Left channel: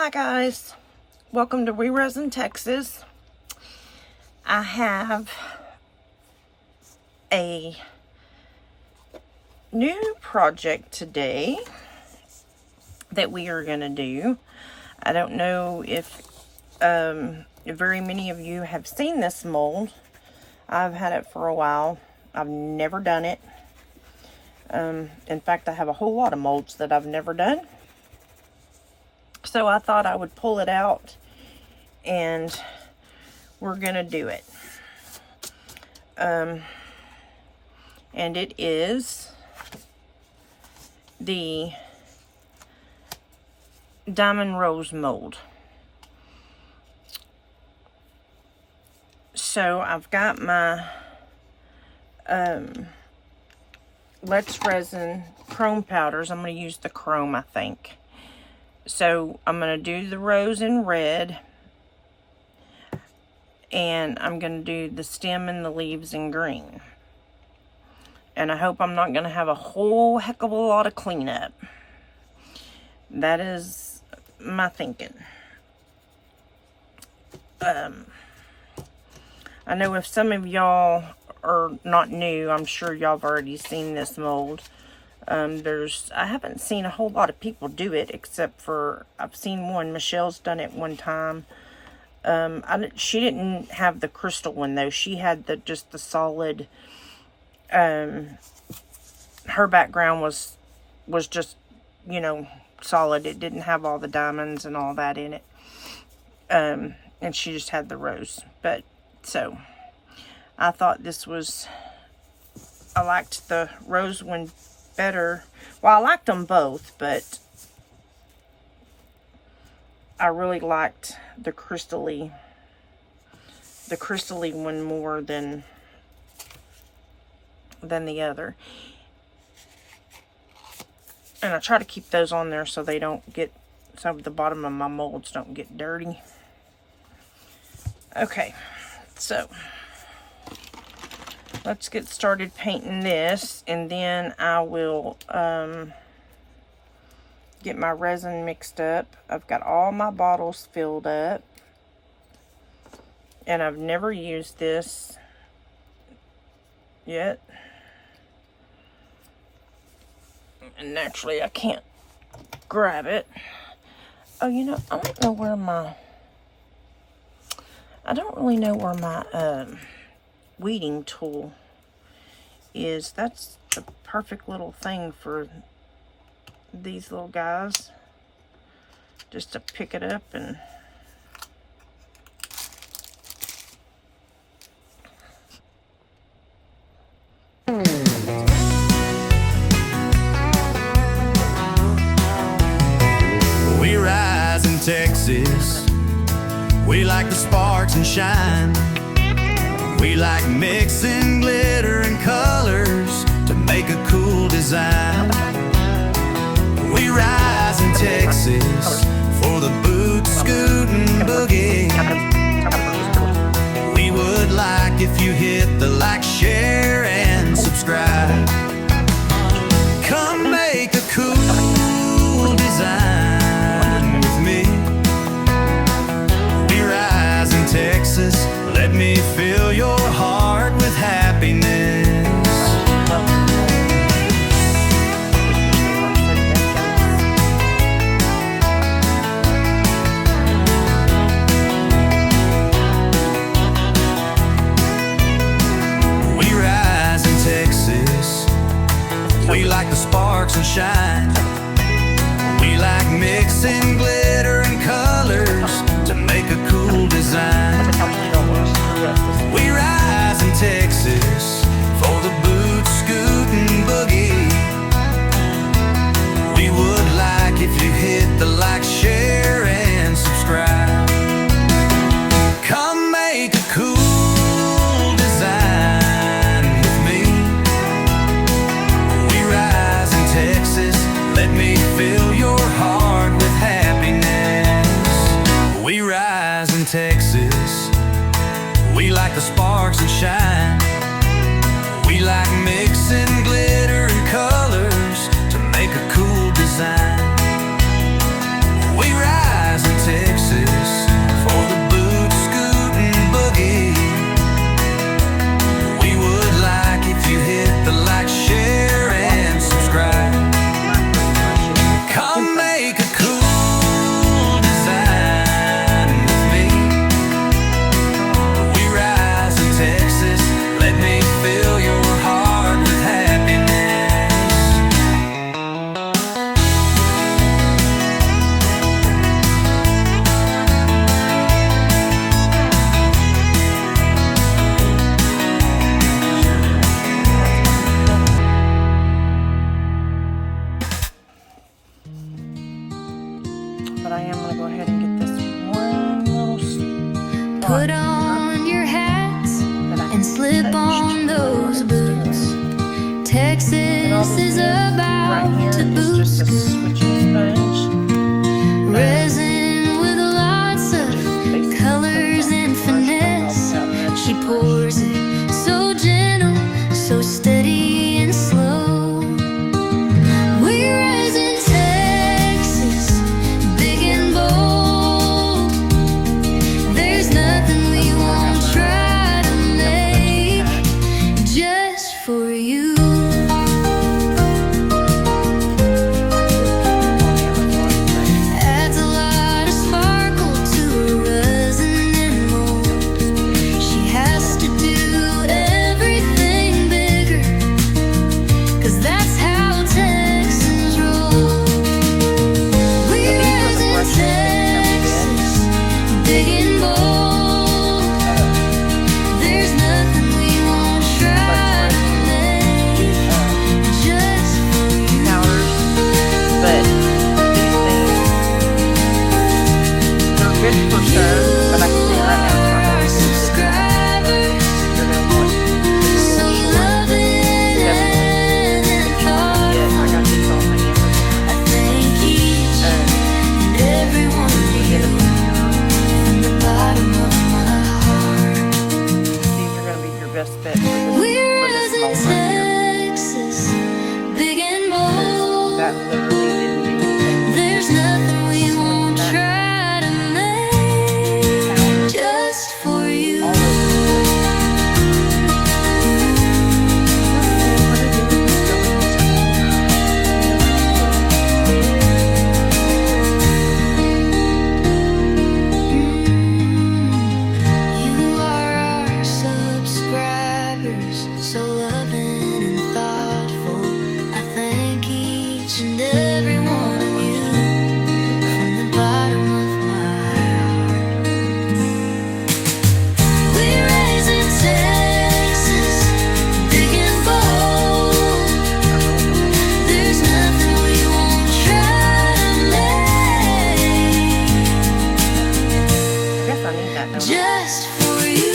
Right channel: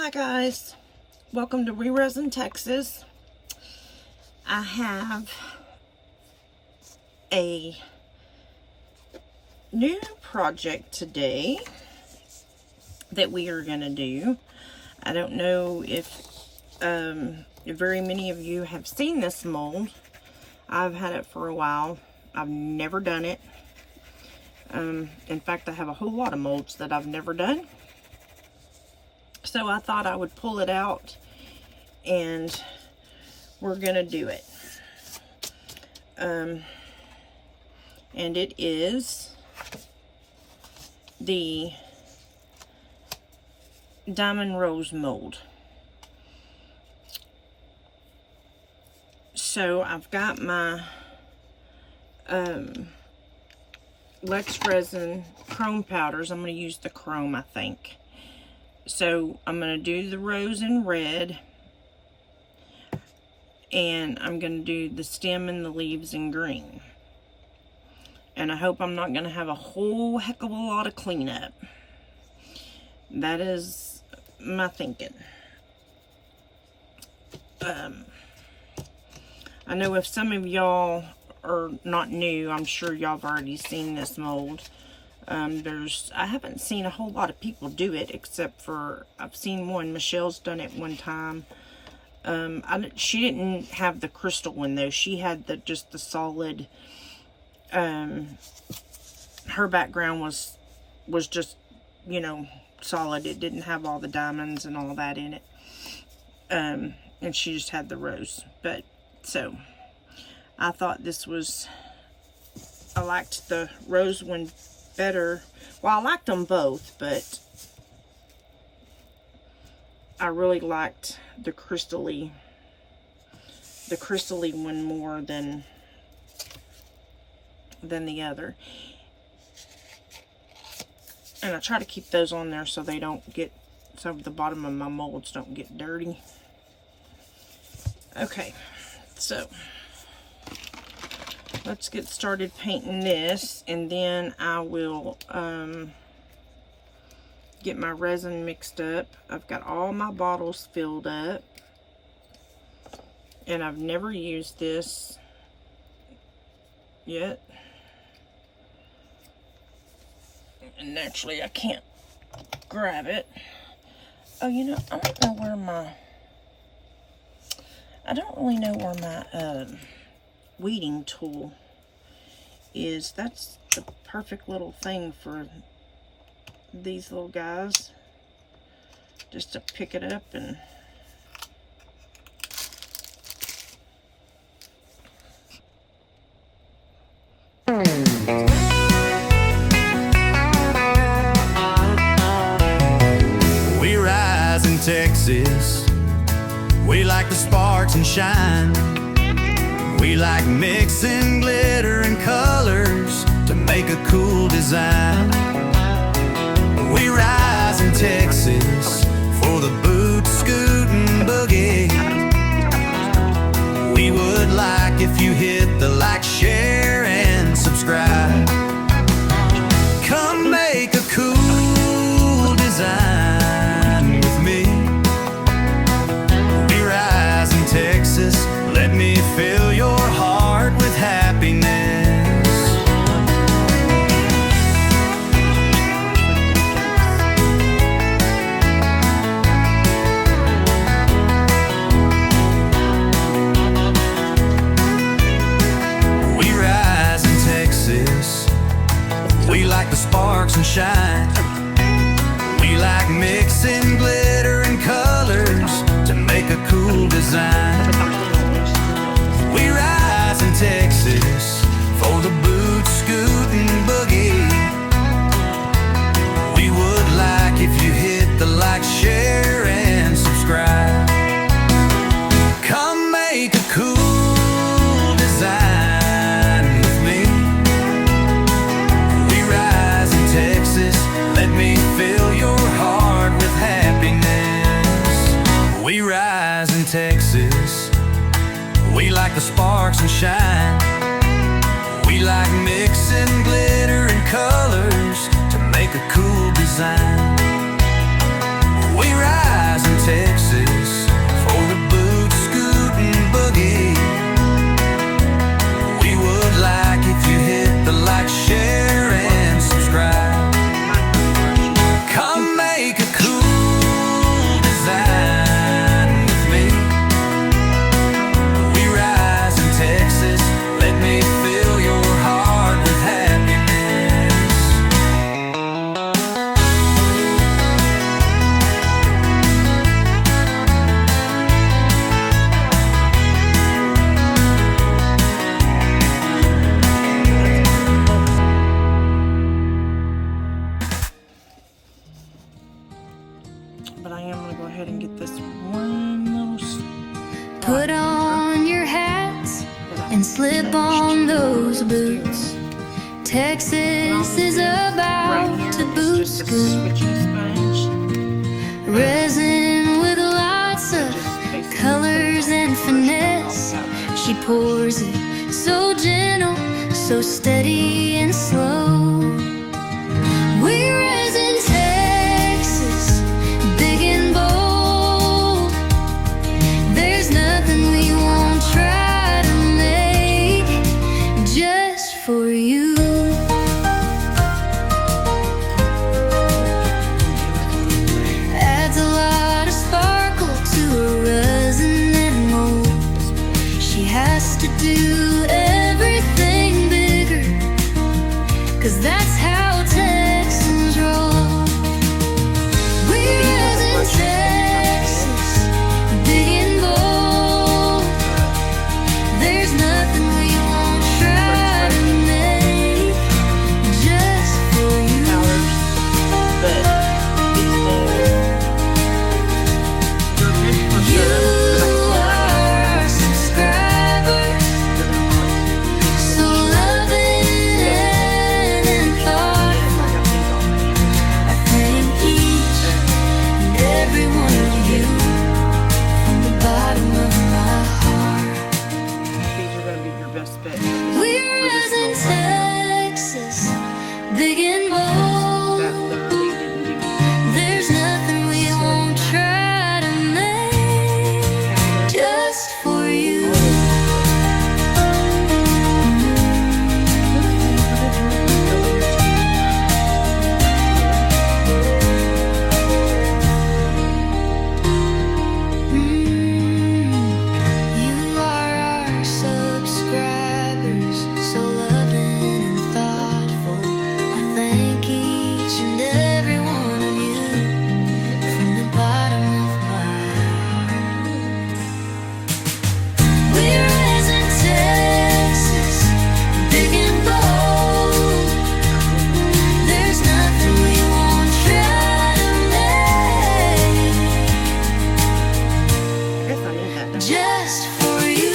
Hi guys, welcome to Resin, Texas. I have a new project today that we are going to do. I don't know if very many of you have seen this mold. I've had it for a while. I've never done it. In fact, I have a whole lot of molds that I've never done. So I thought I would pull it out and we're gonna do it. And it is the diamond rose mold. So I've got my letsresin chrome powders. I'm going to use the chrome, I think. So I'm going to do the rose in red, and I'm going to do the stem and the leaves in green. And I hope I'm not going to have a whole heck of a lot of cleanup. That is my thinking. I know if some of y'all are not new, I'm sure y'all have already seen this mold. I haven't seen a whole lot of people do it, except for I've seen one. Michelle's done it one time. She didn't have the crystal one though. She had just the solid. Her background was just, you know, solid. It didn't have all the diamonds and all that in it. And she just had the rose. But so I thought I liked the rose one better. Well, I liked them both, but I really liked the crystally one more than the other. And I try to keep those on there so they don't get, so the bottom of my molds don't get dirty. Okay, so let's get started painting this, and then I will get my resin mixed up. I've got all my bottles filled up, and I've never used this yet. And naturally, I can't grab it. Oh, you know, I don't really know where my weeding tool is. That's the perfect little thing for these little guys, just to pick it up and we rise in Texas. We like the sparks and shine. We like mixing glitter and colors to make a cool design. We rise in Texas for the boot, scoot, and boogie. We would like if you hit the like, share, and subscribe. Come make a cool design with me. We rise in Texas. Let me fill your heart with happiness. We rise in Texas. We like the sparks and shine. We like mixing glitter and colors to make a cool design. We rise in Texas for the boot, scoot, and boogie. We would like if you hit the like, share, and subscribe. Come make a cool design with me. We rise in Texas. Let me fill your heart with happiness. We rise in Texas. We like the sparks and shine. We like mixing glitter and colors to make a cool design. We rise in Texas for the boot scootin' boogie. We would like if you hit the like, share, and subscribe. Come make a cool design with me. We rise in Texas. Let me fill your heart with happiness. But I am going to go ahead and get this one little Put on your hats and slip on those boots. Texas is about to boot scoot. Resin with lots of colors and finesse. She pours it so gentle, so steady and slow. We rise in Texas, big and bold. There's nothing we won't try to make just for you. Adds a lot of sparkle to her resin and mold. She has to do everything bigger, 'cause that's how Texans roll. We rise in Texas, big and bold. There's nothing we won't try to make just for you. powders, but these things are good for You sure. But I can tell right now, are our subscribers, you're going to want these so little loving and thoughtful. I got these on my I thank each and every one of you from the bottom of my heart. These are going to be your best bet for this, We're for this in mold right here. Texas, big and Because bold. that literally didn't do anything. There's nothing we won't try to make just for you. You are our subscribers, so loving and thoughtful. I thank each and every one of you from the bottom of my heart. We rise in Texas, big and bold. There's nothing we won't try to make I guess I need that number. just for you.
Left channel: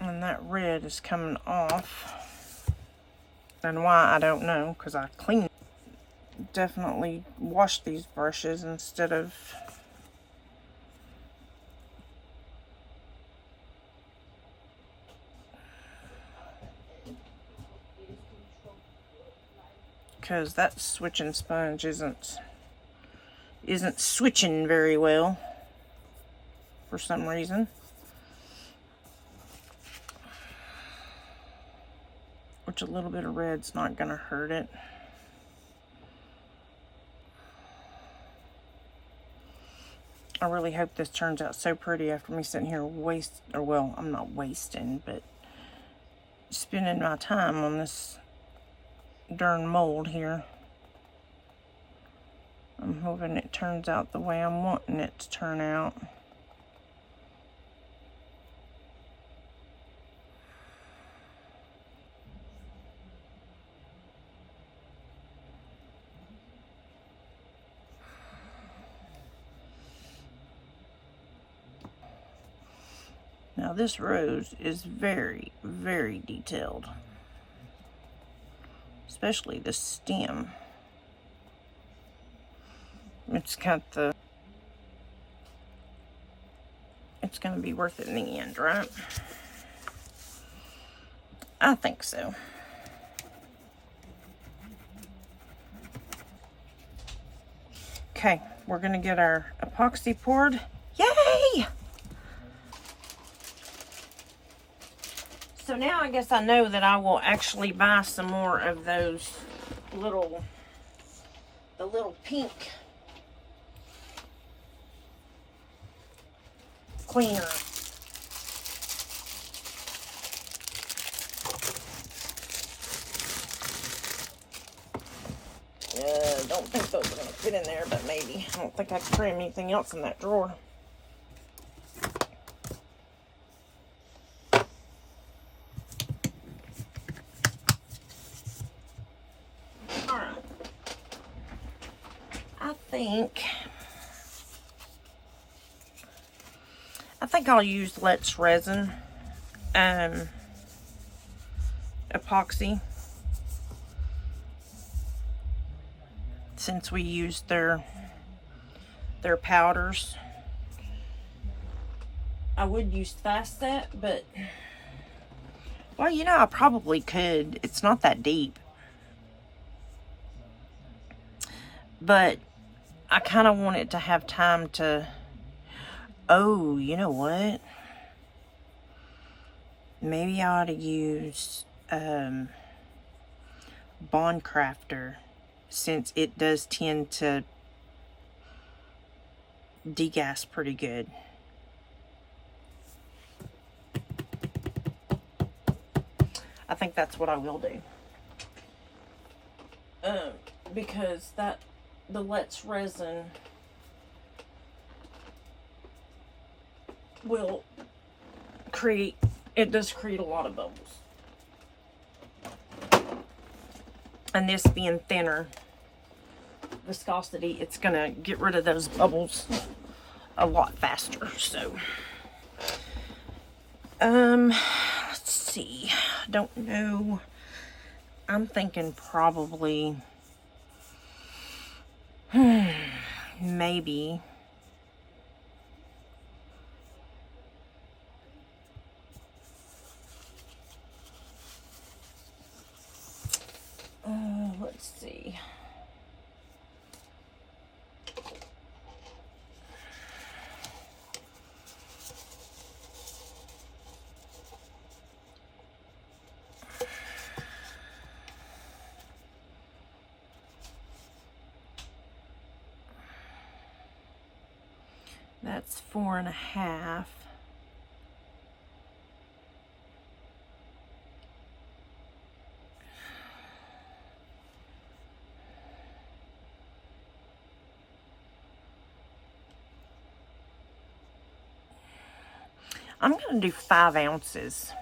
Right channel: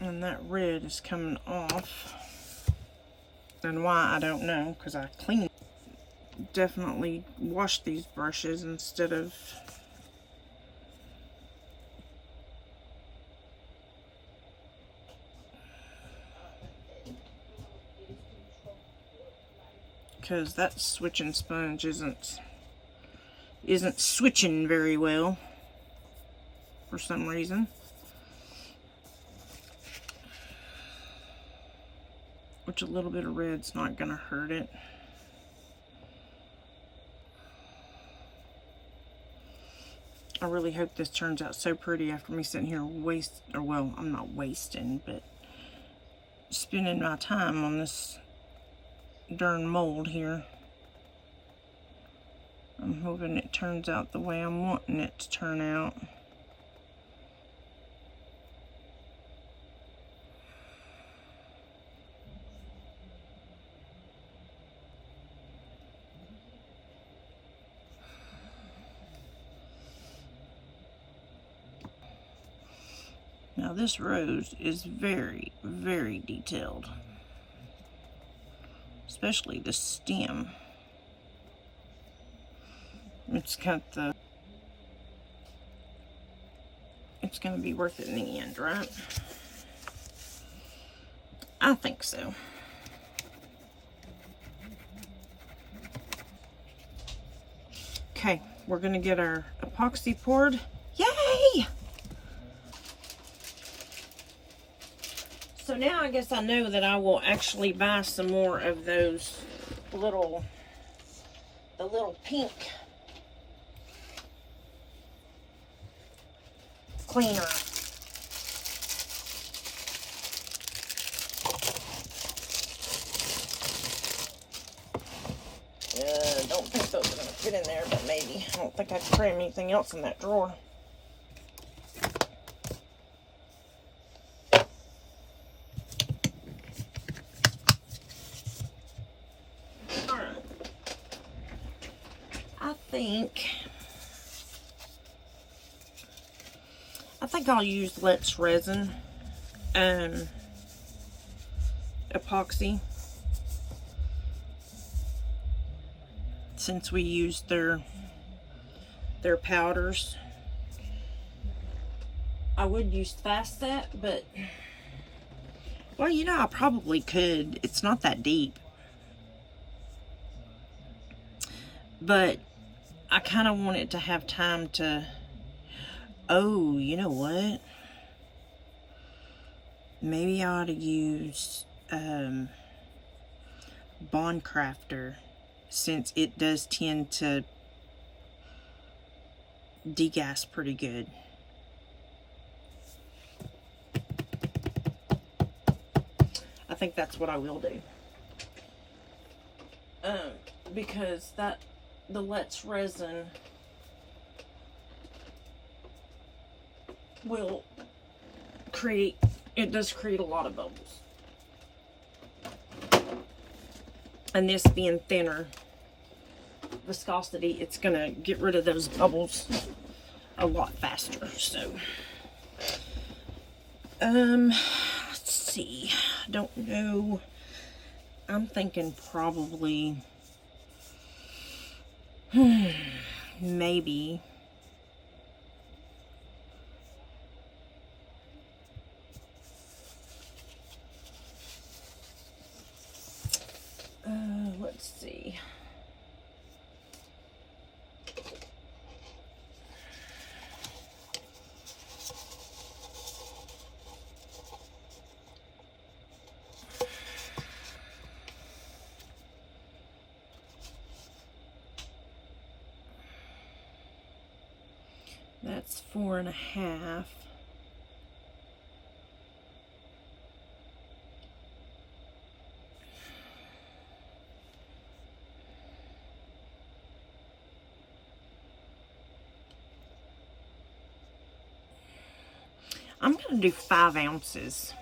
And that red is coming off. And why, I don't know, because I definitely washed these brushes instead of because that switching sponge isn't switching very well for some reason. Which a little bit of red's not gonna hurt it. I really hope this turns out so pretty after me sitting here well, I'm not wasting, but spending my time on this darn mold here. I'm hoping it turns out the way I'm wanting it to turn out. Now this rose is very, very detailed, especially the stem. it's got the, it's going to be worth it in the end, right? I think so. Okay, we're going to get our epoxy poured. Yay! So now I guess I know that I will actually buy some more of those little, the little pink cleaner. Don't think those are going to fit in there, but maybe. I don't think I can cram anything else in that drawer. Alright. I think I'll use letsresin epoxy, since we used their powders. I would use Fast Set, but well, you know, I probably could. It's not that deep. But I kind of want it to have time to, oh, you know what? Maybe I ought to use Bond Crafter, since it does tend to degas pretty good. I think that's what I will do. Because the letsresin will create, it does create a lot of bubbles. And this being thinner viscosity, it's gonna get rid of those bubbles a lot faster. So let's see, don't know, I'm thinking probably maybe let's see. That's 4.5. I'm going to do 5 ounces.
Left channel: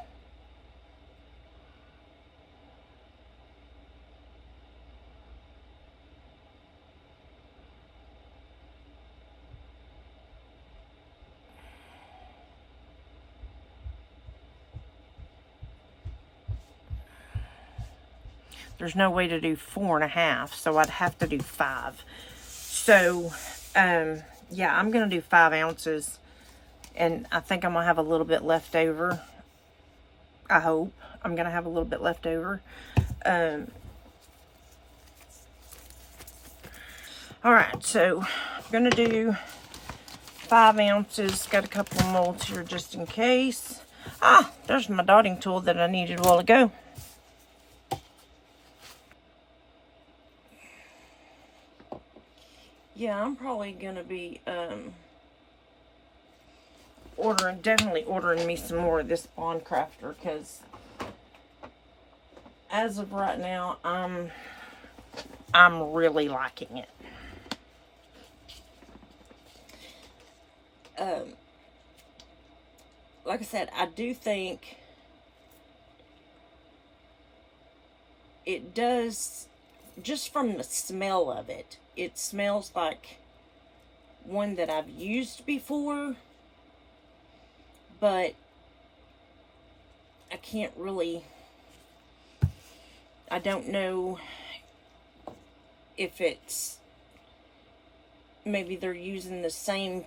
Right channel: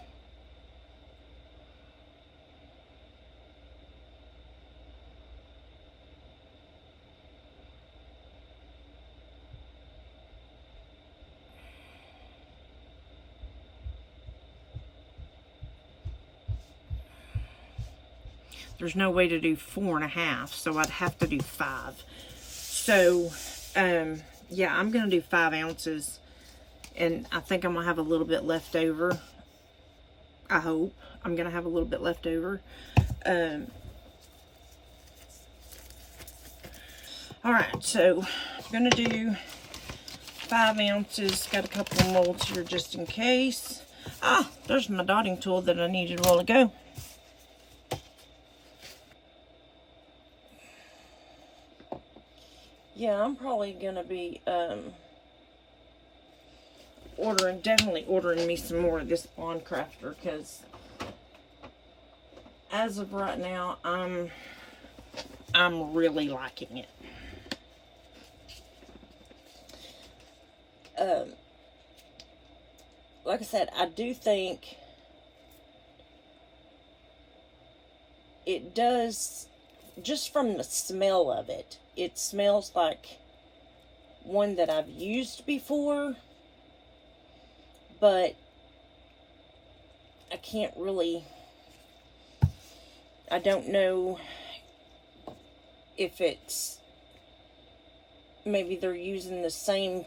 There's no way to do 4.5, so I'd have to do 5. So, yeah, I'm going to do 5 ounces. And I think I'm going to have a little bit left over. I hope. I'm going to have a little bit left over. Alright, so I'm going to do 5 ounces. Got a couple of molds here just in case. Ah, there's my dotting tool that I needed a while ago. Yeah, I'm probably going to be definitely ordering me some more of this Bond Crafter, because as of right now, I'm really liking it. Like I said, I do think it does, just from the smell of it, it smells like one that I've used before, but I can't really, I don't know if it's maybe they're using the same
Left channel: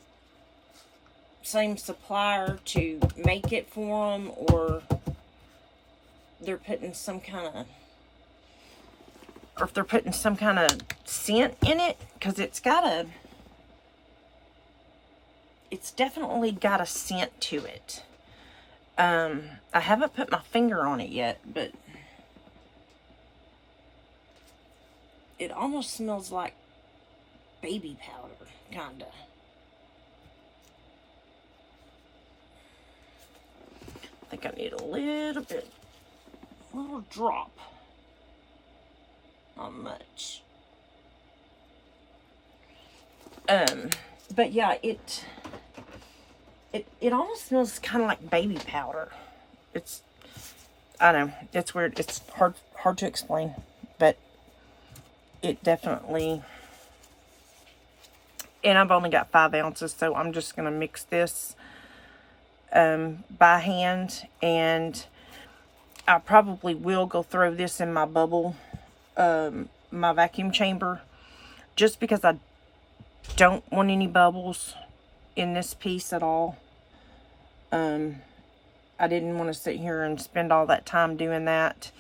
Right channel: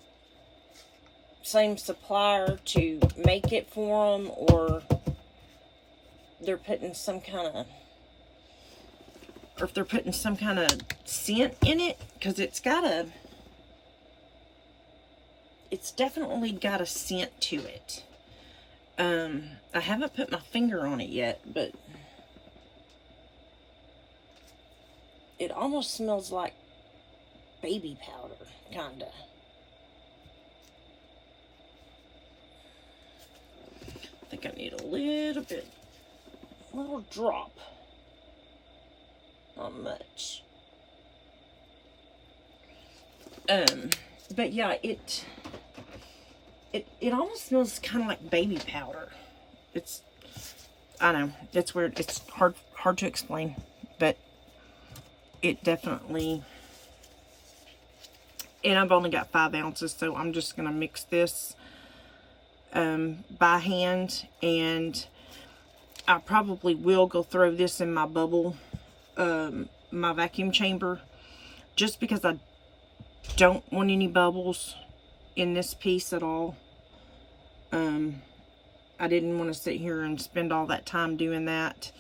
supplier to make it for them, or they're putting some kind of, or if they're putting some kind of scent in it, because it's definitely got a scent to it. I haven't put my finger on it yet, but it almost smells like baby powder, kinda. I think I need a little bit, a little drop. Not much. But yeah, it almost smells kind of like baby powder. It's, I don't know, it's weird. It's hard to explain, but it definitely, and I've only got 5 ounces, so I'm just going to mix this by hand, and I probably will go throw this in my bubble, my vacuum chamber, just because I don't want any bubbles in this piece at all. I didn't want to sit here and spend all that time doing that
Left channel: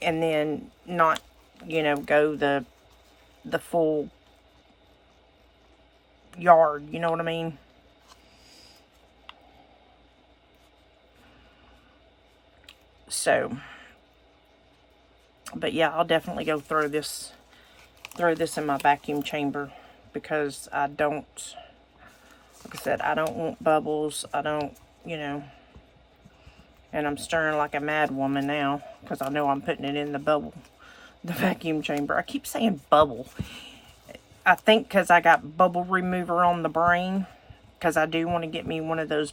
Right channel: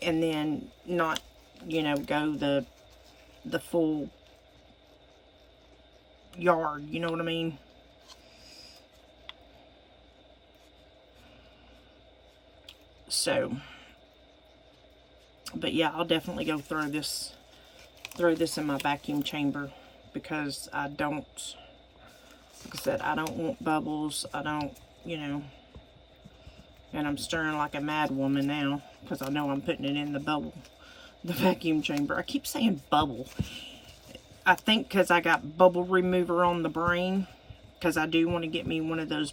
and then not, you know, go the full yard, you know what I mean? So, but yeah, I'll definitely go throw this in my vacuum chamber, because I don't, like I said, I don't want bubbles. I don't, you know, and I'm stirring like a mad woman now, because I know I'm putting it in the vacuum chamber. I keep saying bubble. I think because I got bubble remover on the brain, because I do want to get me one of those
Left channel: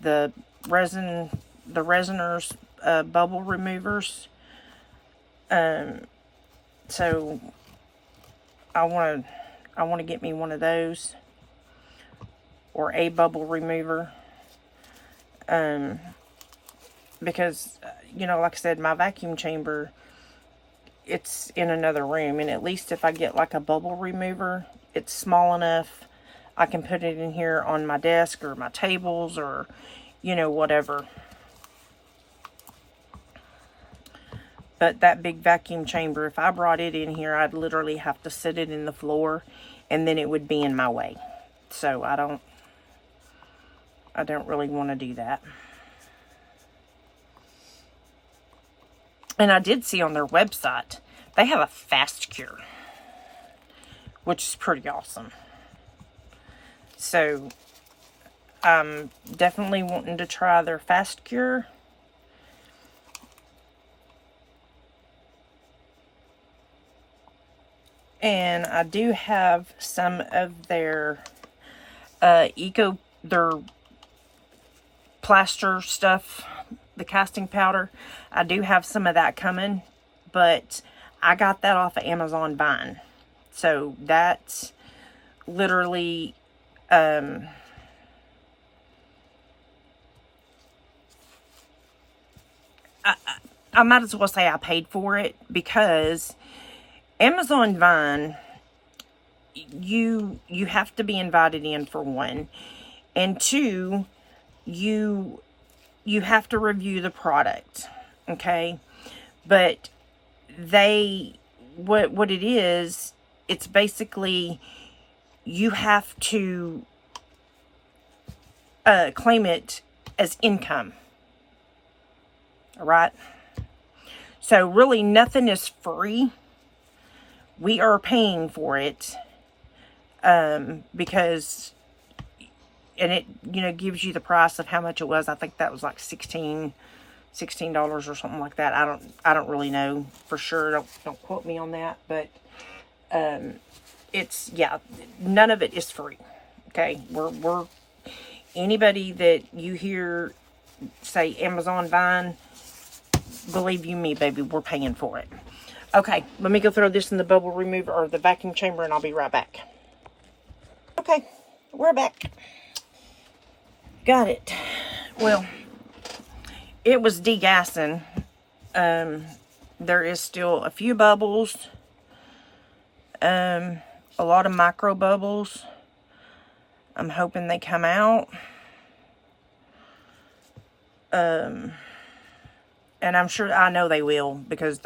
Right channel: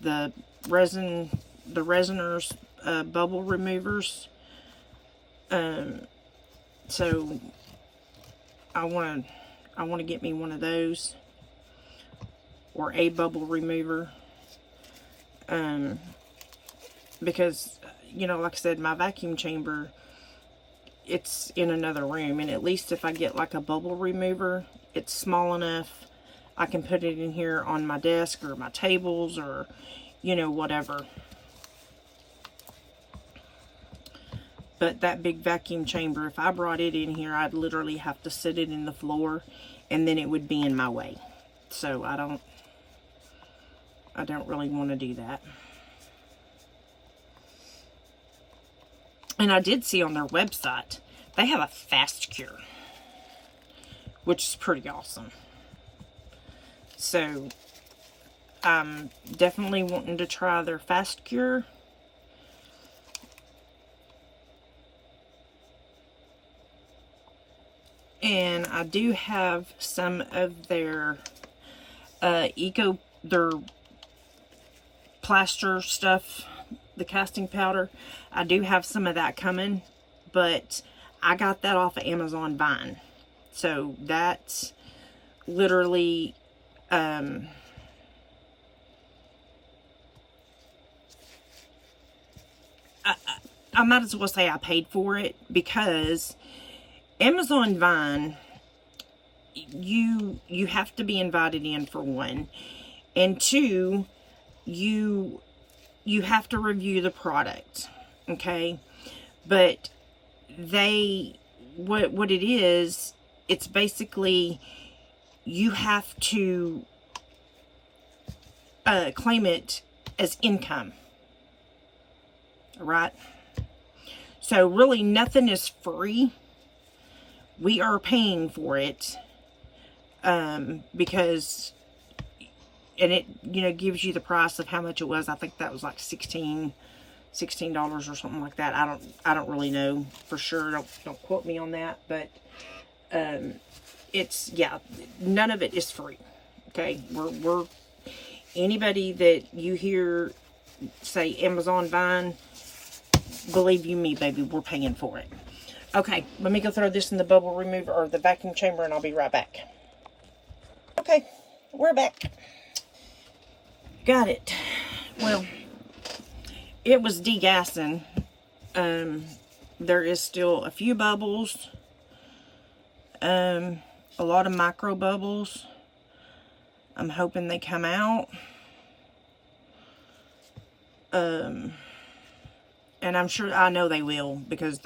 the resiners, bubble removers. So I want to get me one of those, or a bubble remover, because, you know, like I said, my vacuum chamber, it's in another room, and at least if I get like a bubble remover, it's small enough I can put it in here on my desk or my tables, or, you know, whatever. But that big vacuum chamber, if I brought it in here, I'd literally have to sit it in the floor, and then it would be in my way. So I don't really want to do that. And I did see on their website, they have a fast cure, which is pretty awesome. So I'm definitely wanting to try their fast cure. And I do have some of their their plaster stuff, the casting powder. I do have some of that coming, but I got that off of Amazon Vine. So that's literally, I might as well say I paid for it, because Amazon Vine, you have to be invited in, for one, and two, you have to review the product, okay? But what it is, it's basically, you have to claim it as income, all right? So really nothing is free. We are paying for it, because, and it, you know, gives you the price of how much it was. I think that was like $16 or something like that. I don't really know for sure. Don't quote me on that, but it's, yeah, none of it is free. Okay, we're anybody that you hear say Amazon Vine, believe you me, baby, we're paying for it. Okay, let me go throw this in the bubble remover, or the vacuum chamber, and I'll be right back. Okay, we're back. Got it. Well, it was degassing. There is still a few bubbles. A a lot of micro bubbles. I'm hoping they come out. And I'm sure, I know they will, because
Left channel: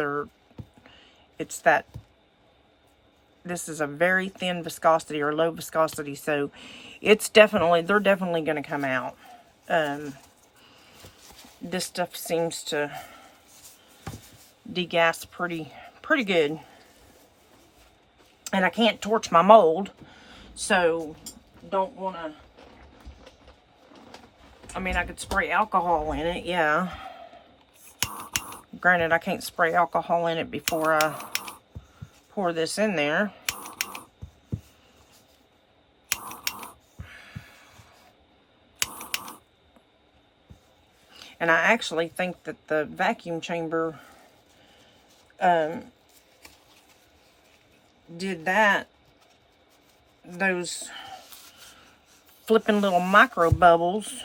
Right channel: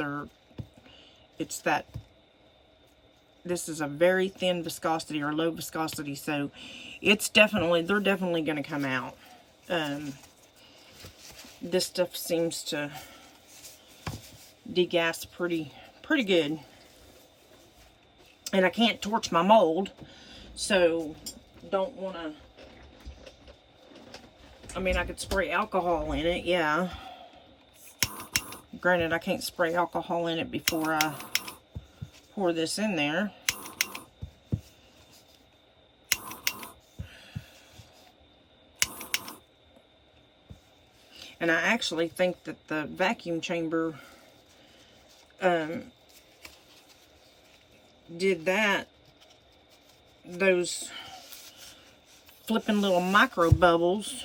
this is a very thin viscosity or low viscosity, so they're definitely going to come out. This stuff seems to degas pretty good. And I can't torch my mold, so don't want to. I mean, I could spray alcohol in it, yeah. Granted, I can't spray alcohol in it before I pour this in there. And I actually think that the vacuum chamber did that. Those flipping little micro bubbles.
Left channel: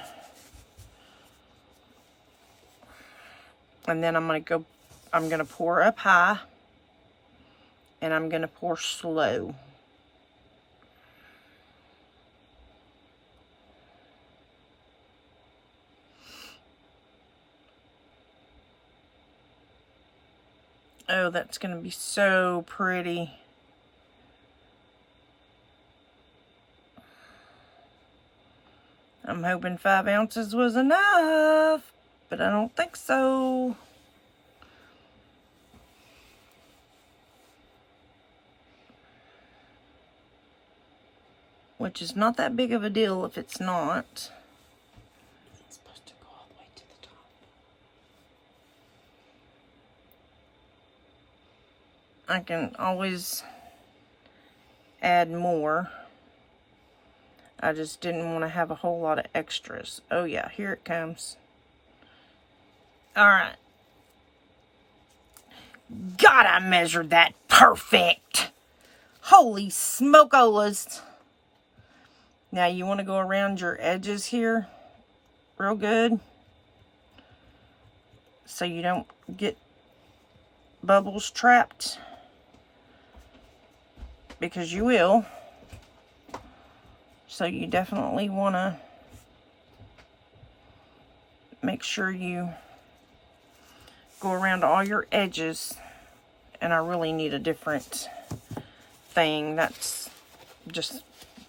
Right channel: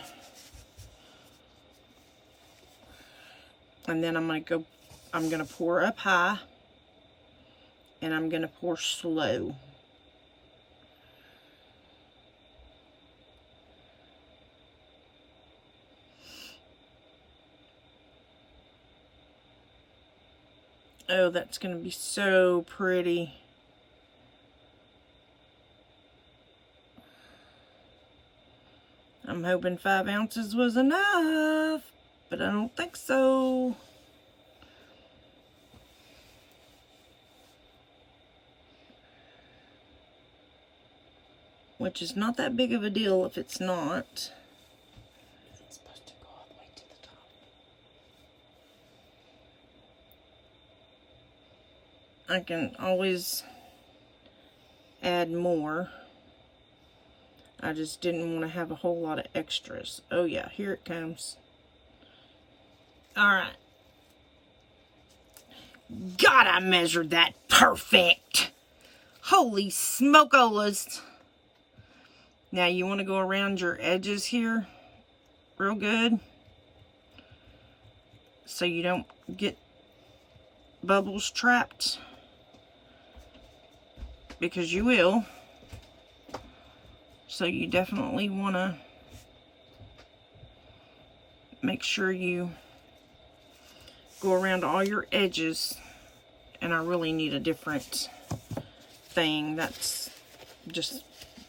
And then I'm going to pour up high. And I'm going to pour slow. Oh, that's going to be so pretty. I'm hoping 5 ounces was enough, but I don't think so. Which is not that big of a deal if it's not. Is it supposed to go all the way to the top? I can always add more. I just didn't want to have a whole lot of extras. Oh yeah, here it comes. Alright. God, I measured that perfect. Holy smokolas. Now you want to go around your edges here real good, so you don't get bubbles trapped, because you will. So you definitely want to make sure you go around all your edges. And I really need a different thing. That's just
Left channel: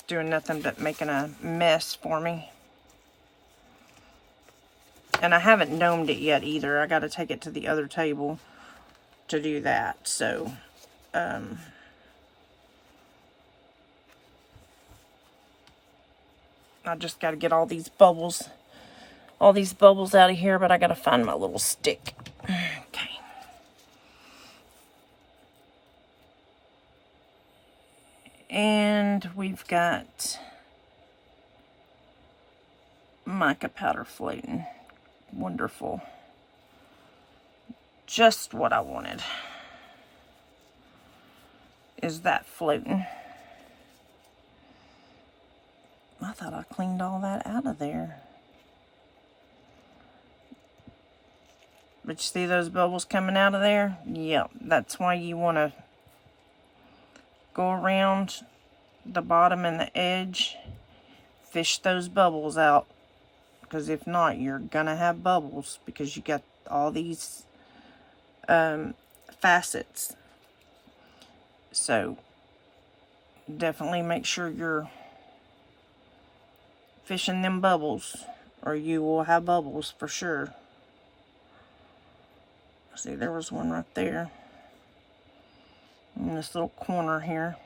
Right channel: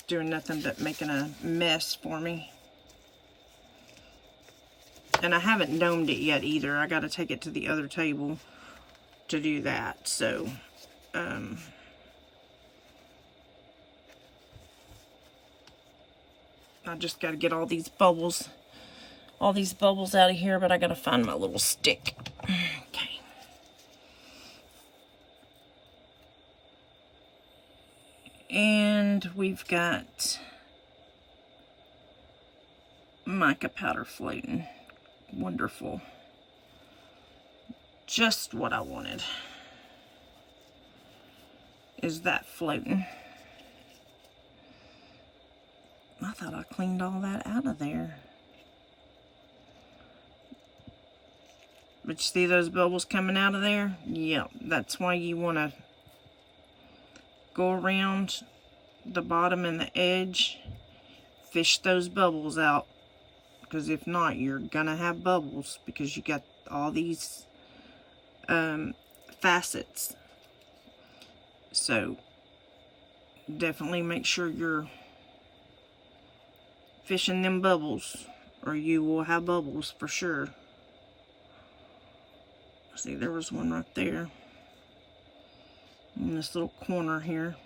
doing nothing but making a mess for me. And I haven't domed it yet either. I got to take it to the other table to do that. So, I just got to get all these bubbles out of here, but I got to find my little stick. Okay. And we've got mica powder floating. Wonderful. Just what I wanted is that floating. I thought I cleaned all that out of there. But you see those bubbles coming out of there? Yep, that's why you want to go around the bottom and the edge. Fish those bubbles out. Because if not, you're going to have bubbles. Because you got all these facets. So, definitely make sure you're fishing them bubbles, or you will have bubbles for sure. See, there was one right there in this little corner here.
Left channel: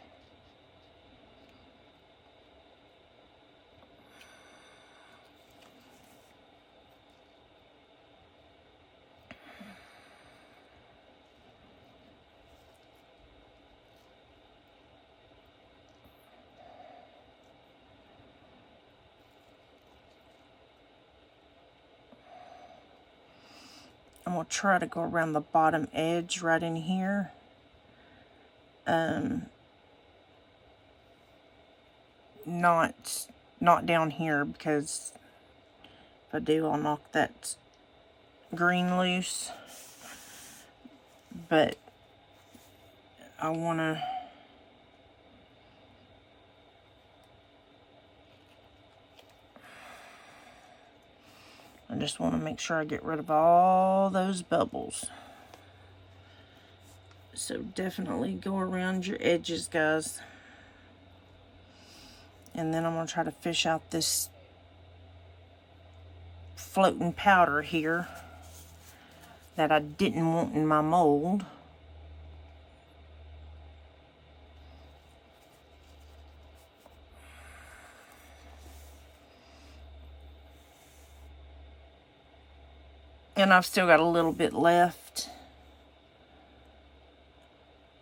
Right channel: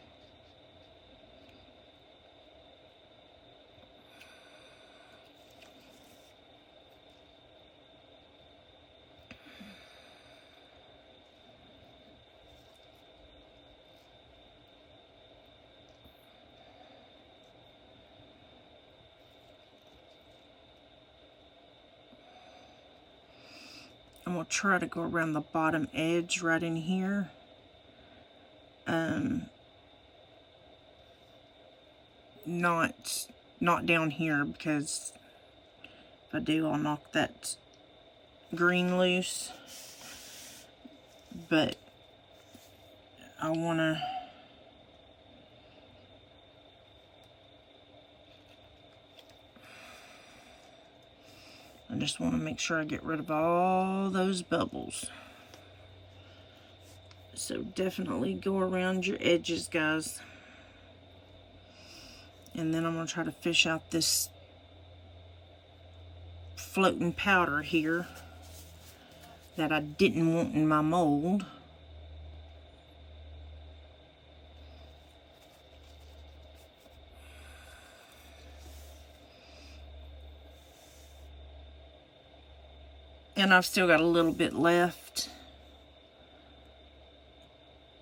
I'm going to try to go around the bottom edge right in here. Not down here, because if I do, I'll knock that green loose. But I want to I just want to make sure I get rid of all those bubbles. So definitely go around your edges, guys. And then I'm going to try to fish out this floating powder here that I didn't want in my mold. And I've still got a little bit left.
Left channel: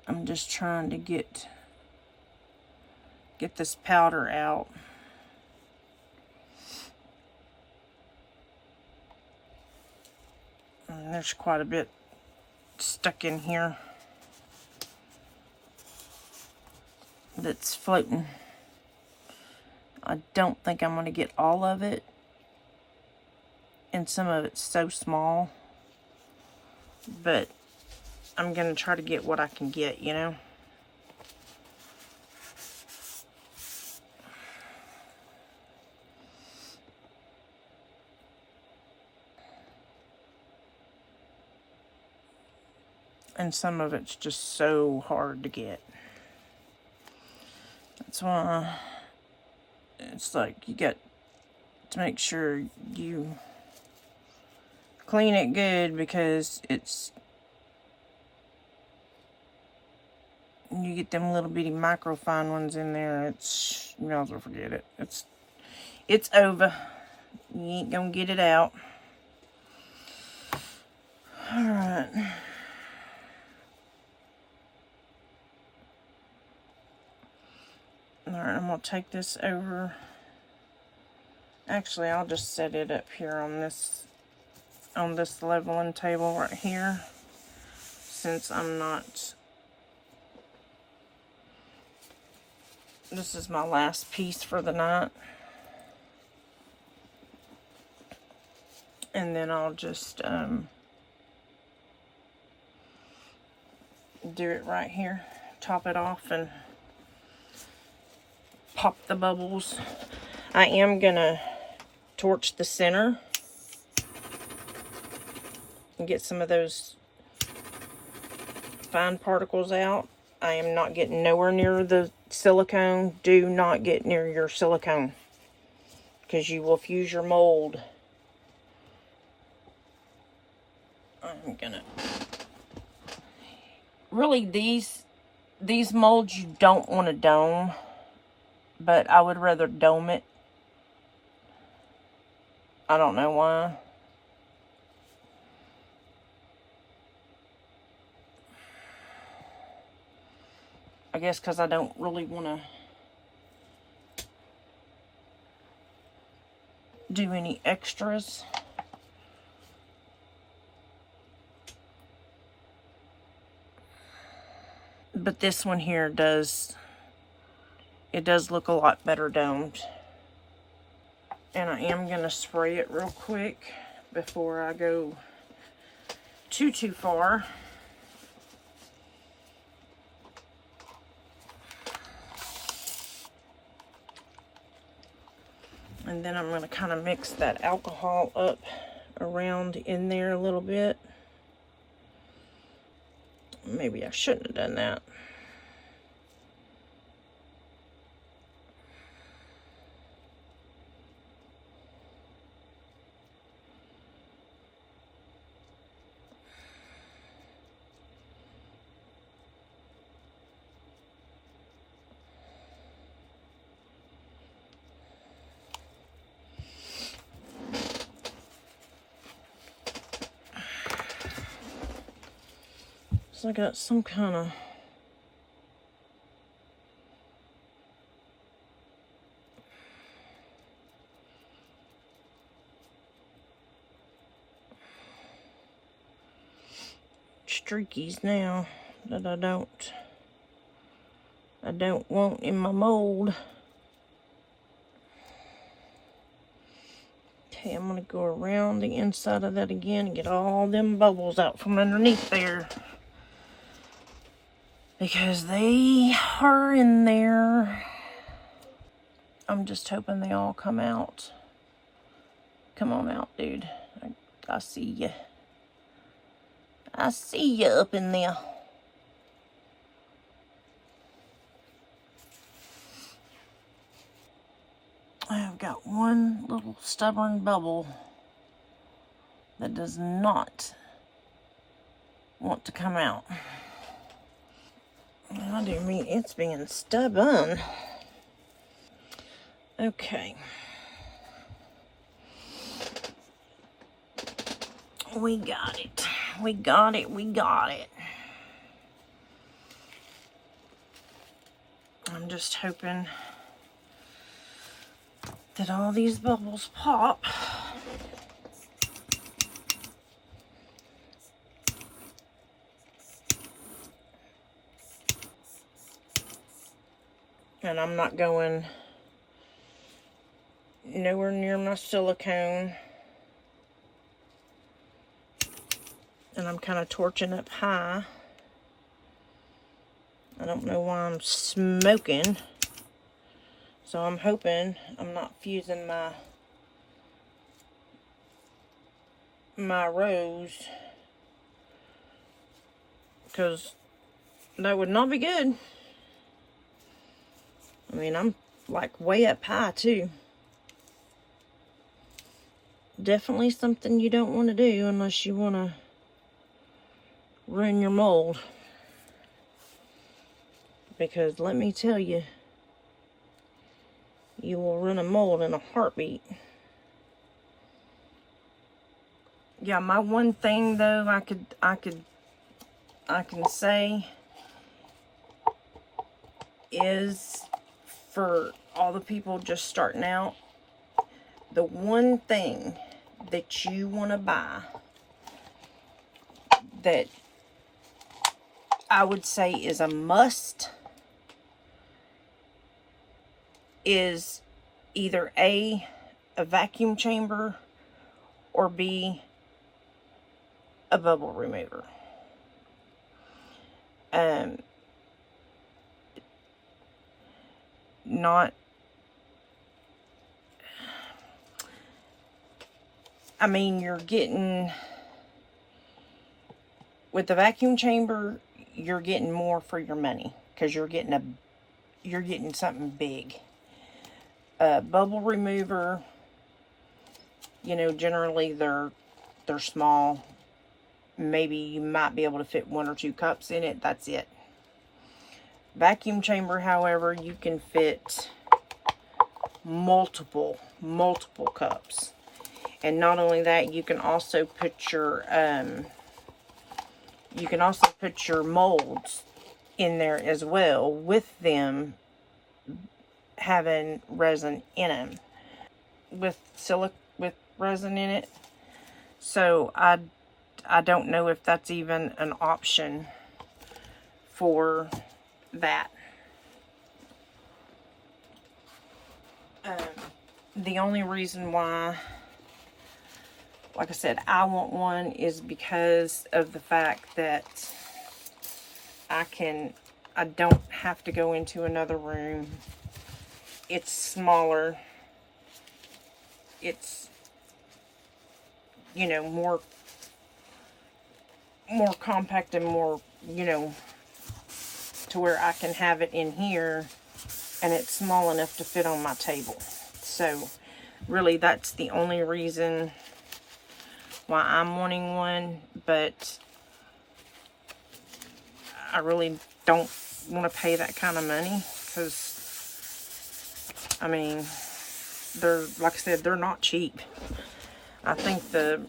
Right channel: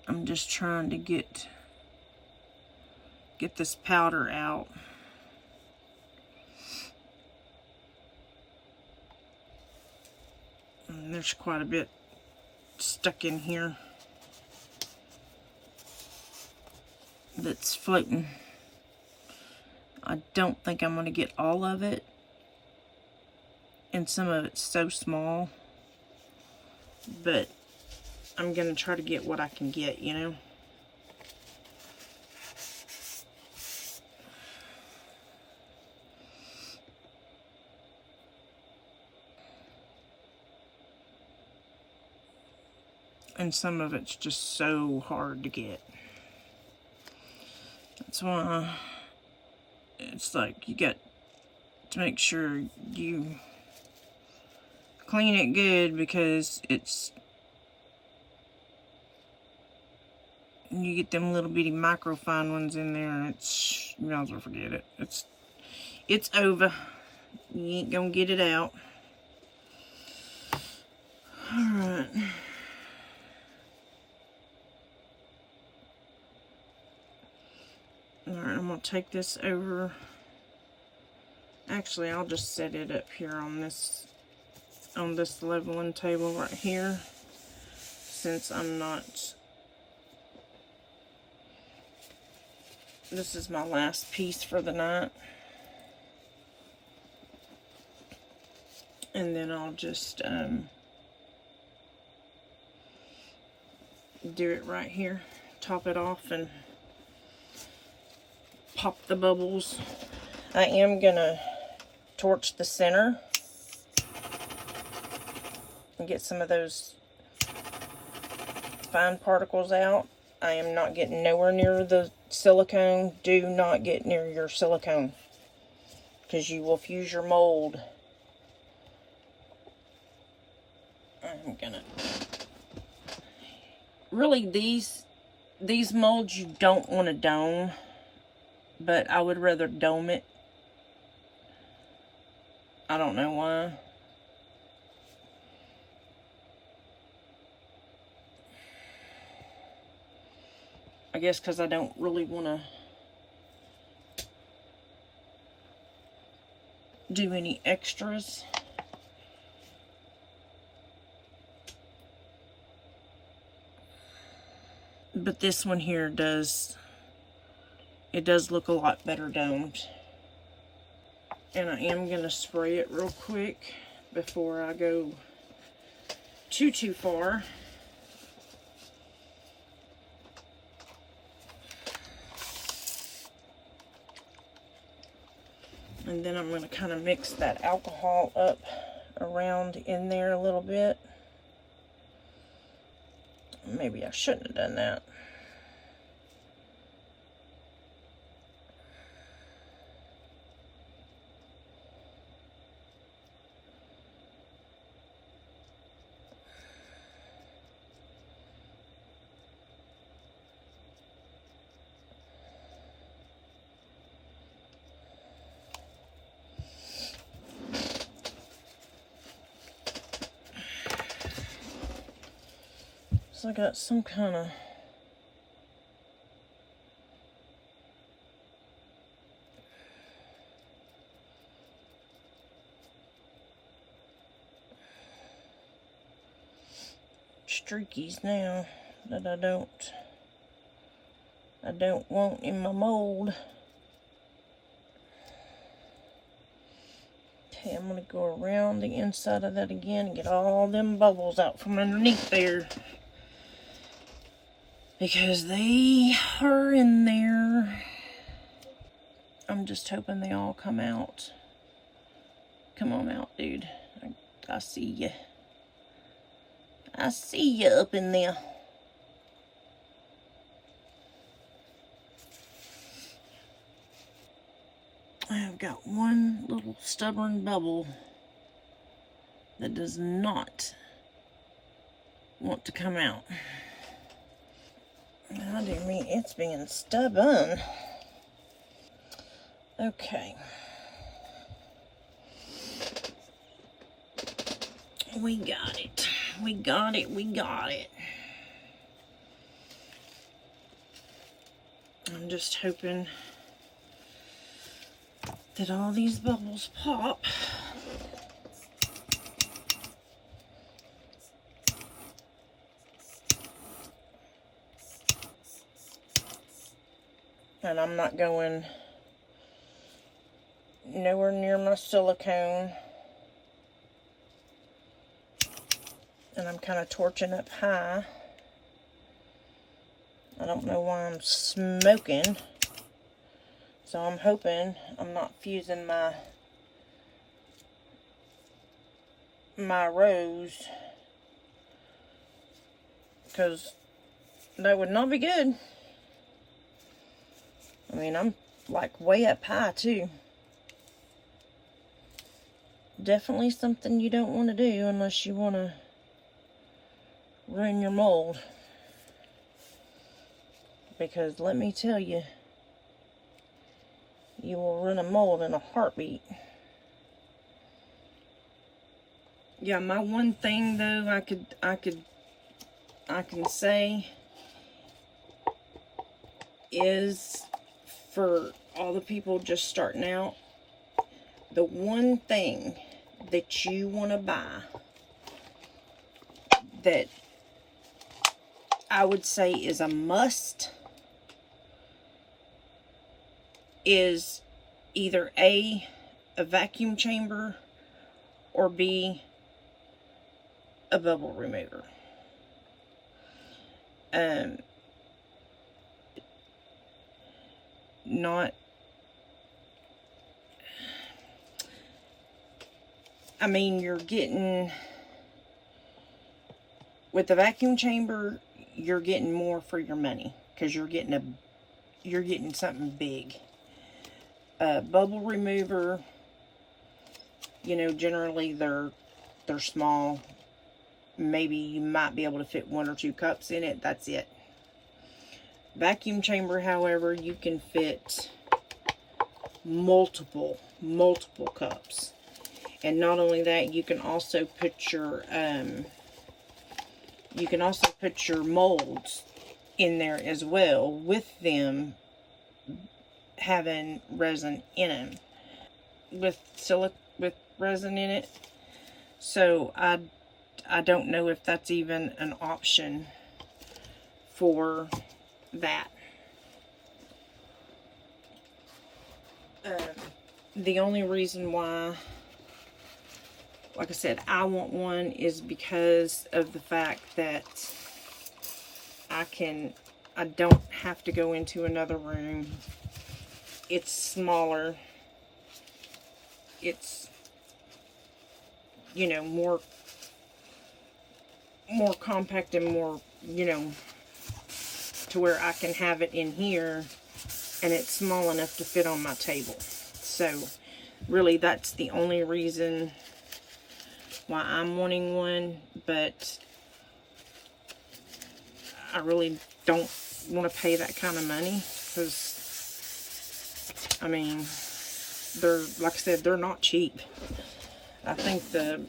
I'm just trying to get this powder out. And there's quite a bit stuck in here that's floating. I don't think I'm going to get all of it. And some of it's so small. But I'm going to try to get what I can get, you know. And some of it's just so hard to get. That's why it's like you got to make sure you clean it good, because you get them little bitty micro fine ones in there, it's, you might as well forget it. It's over. You ain't gonna get it out. Alright. Alright, I'm gonna take this over. Actually, I'll just set it up here on this leveling table right here, since I'm not. This is my last piece for the night. And then I'll just do it right here. Top it off and pop the bubbles. I am gonna torch the center and get some of those fine particles out. I am not getting nowhere near the silicone. Do not get near your silicone, because you will fuse your mold. I'm gonna really, these molds you don't want to dome, but I would rather dome it. I don't know why. I guess because I don't really want to do any extras. But this one here does look a lot better domed. And I am going to spray it real quick before I go too far. And then I'm going to kind of mix that alcohol up around in there a little bit. Maybe I shouldn't have done that. So I got some kind of streakies now that I don't want in my mold. Okay, I'm gonna go around the inside of that again and get all them bubbles out from underneath there, because they are in there. I'm just hoping they all come out. Come on out, dude. I see you. I see you up in there. I have got one little stubborn bubble that does not want to come out. I do mean it's being stubborn. Okay. We got it. We got it. We got it. I'm just hoping that all these bubbles pop. And I'm not going nowhere near my silicone. And I'm kind of torching up high. I don't know why I'm smoking. So I'm hoping I'm not fusing my rose, because that would not be good. I mean, I'm like way up high too. Definitely something you don't want to do unless you want to ruin your mold. Because let me tell you, you will ruin a mold in a heartbeat. Yeah, my one thing though I can say is, for all the people just starting out, the one thing that you want to buy that I would say is a must is either A, a vacuum chamber, or B, a bubble remover. I mean, you're getting, with the vacuum chamber, you're getting more for your money, because you're getting something big. Bubble remover, you know, generally they're small. Maybe you might be able to fit 1 or 2 cups in it. That's it. Vacuum chamber, however, you can fit multiple cups. And not only that, you can also put your molds in there as well, with them having resin in them, with resin in it. So I don't know if that's even an option for that. The only reason why, like I said, I want one is because of the fact that I don't have to go into another room. It's smaller. It's, you know, more compact and more, you know, to where I can have it in here and it's small enough to fit on my table. So really, that's the only reason why I'm wanting one, but I really don't want to pay that kind of money, because I mean, they're, like I said, they're not cheap. I think the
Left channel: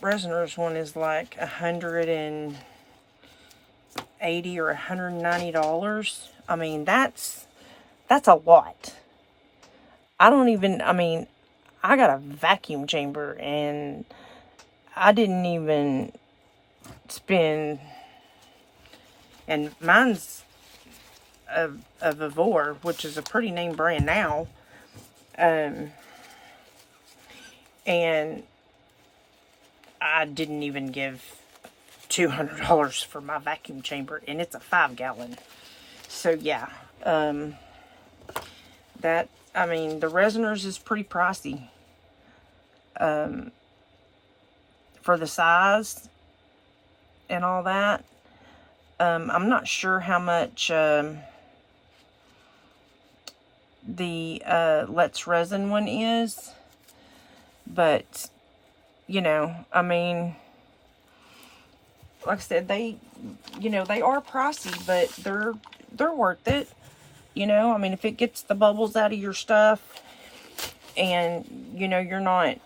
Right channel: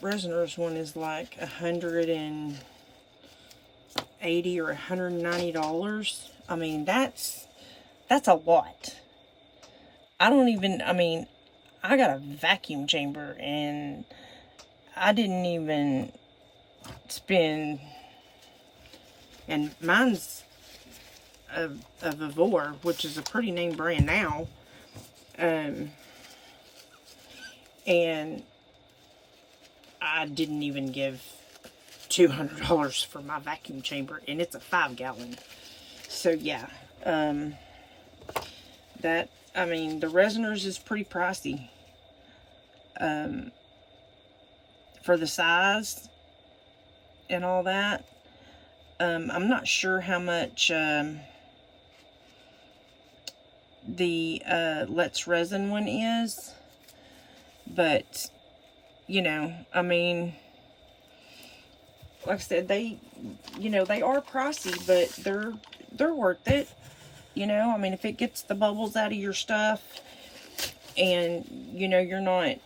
Resiners one is like $180 or $190. I mean, that's a lot. I mean, I got a vacuum chamber and I didn't even spend, and mine's a Vivor, which is a pretty name brand now. And I didn't even give $200 for my vacuum chamber, and it's a 5-gallon. So yeah, I mean, the resiners is pretty pricey. For the size and all that. I'm not sure how much the letsresin one is, but you know, I mean, like I said, they, you know, they are pricey, but they're worth it. You know, I mean, if it gets the bubbles out of your stuff, and you know you're not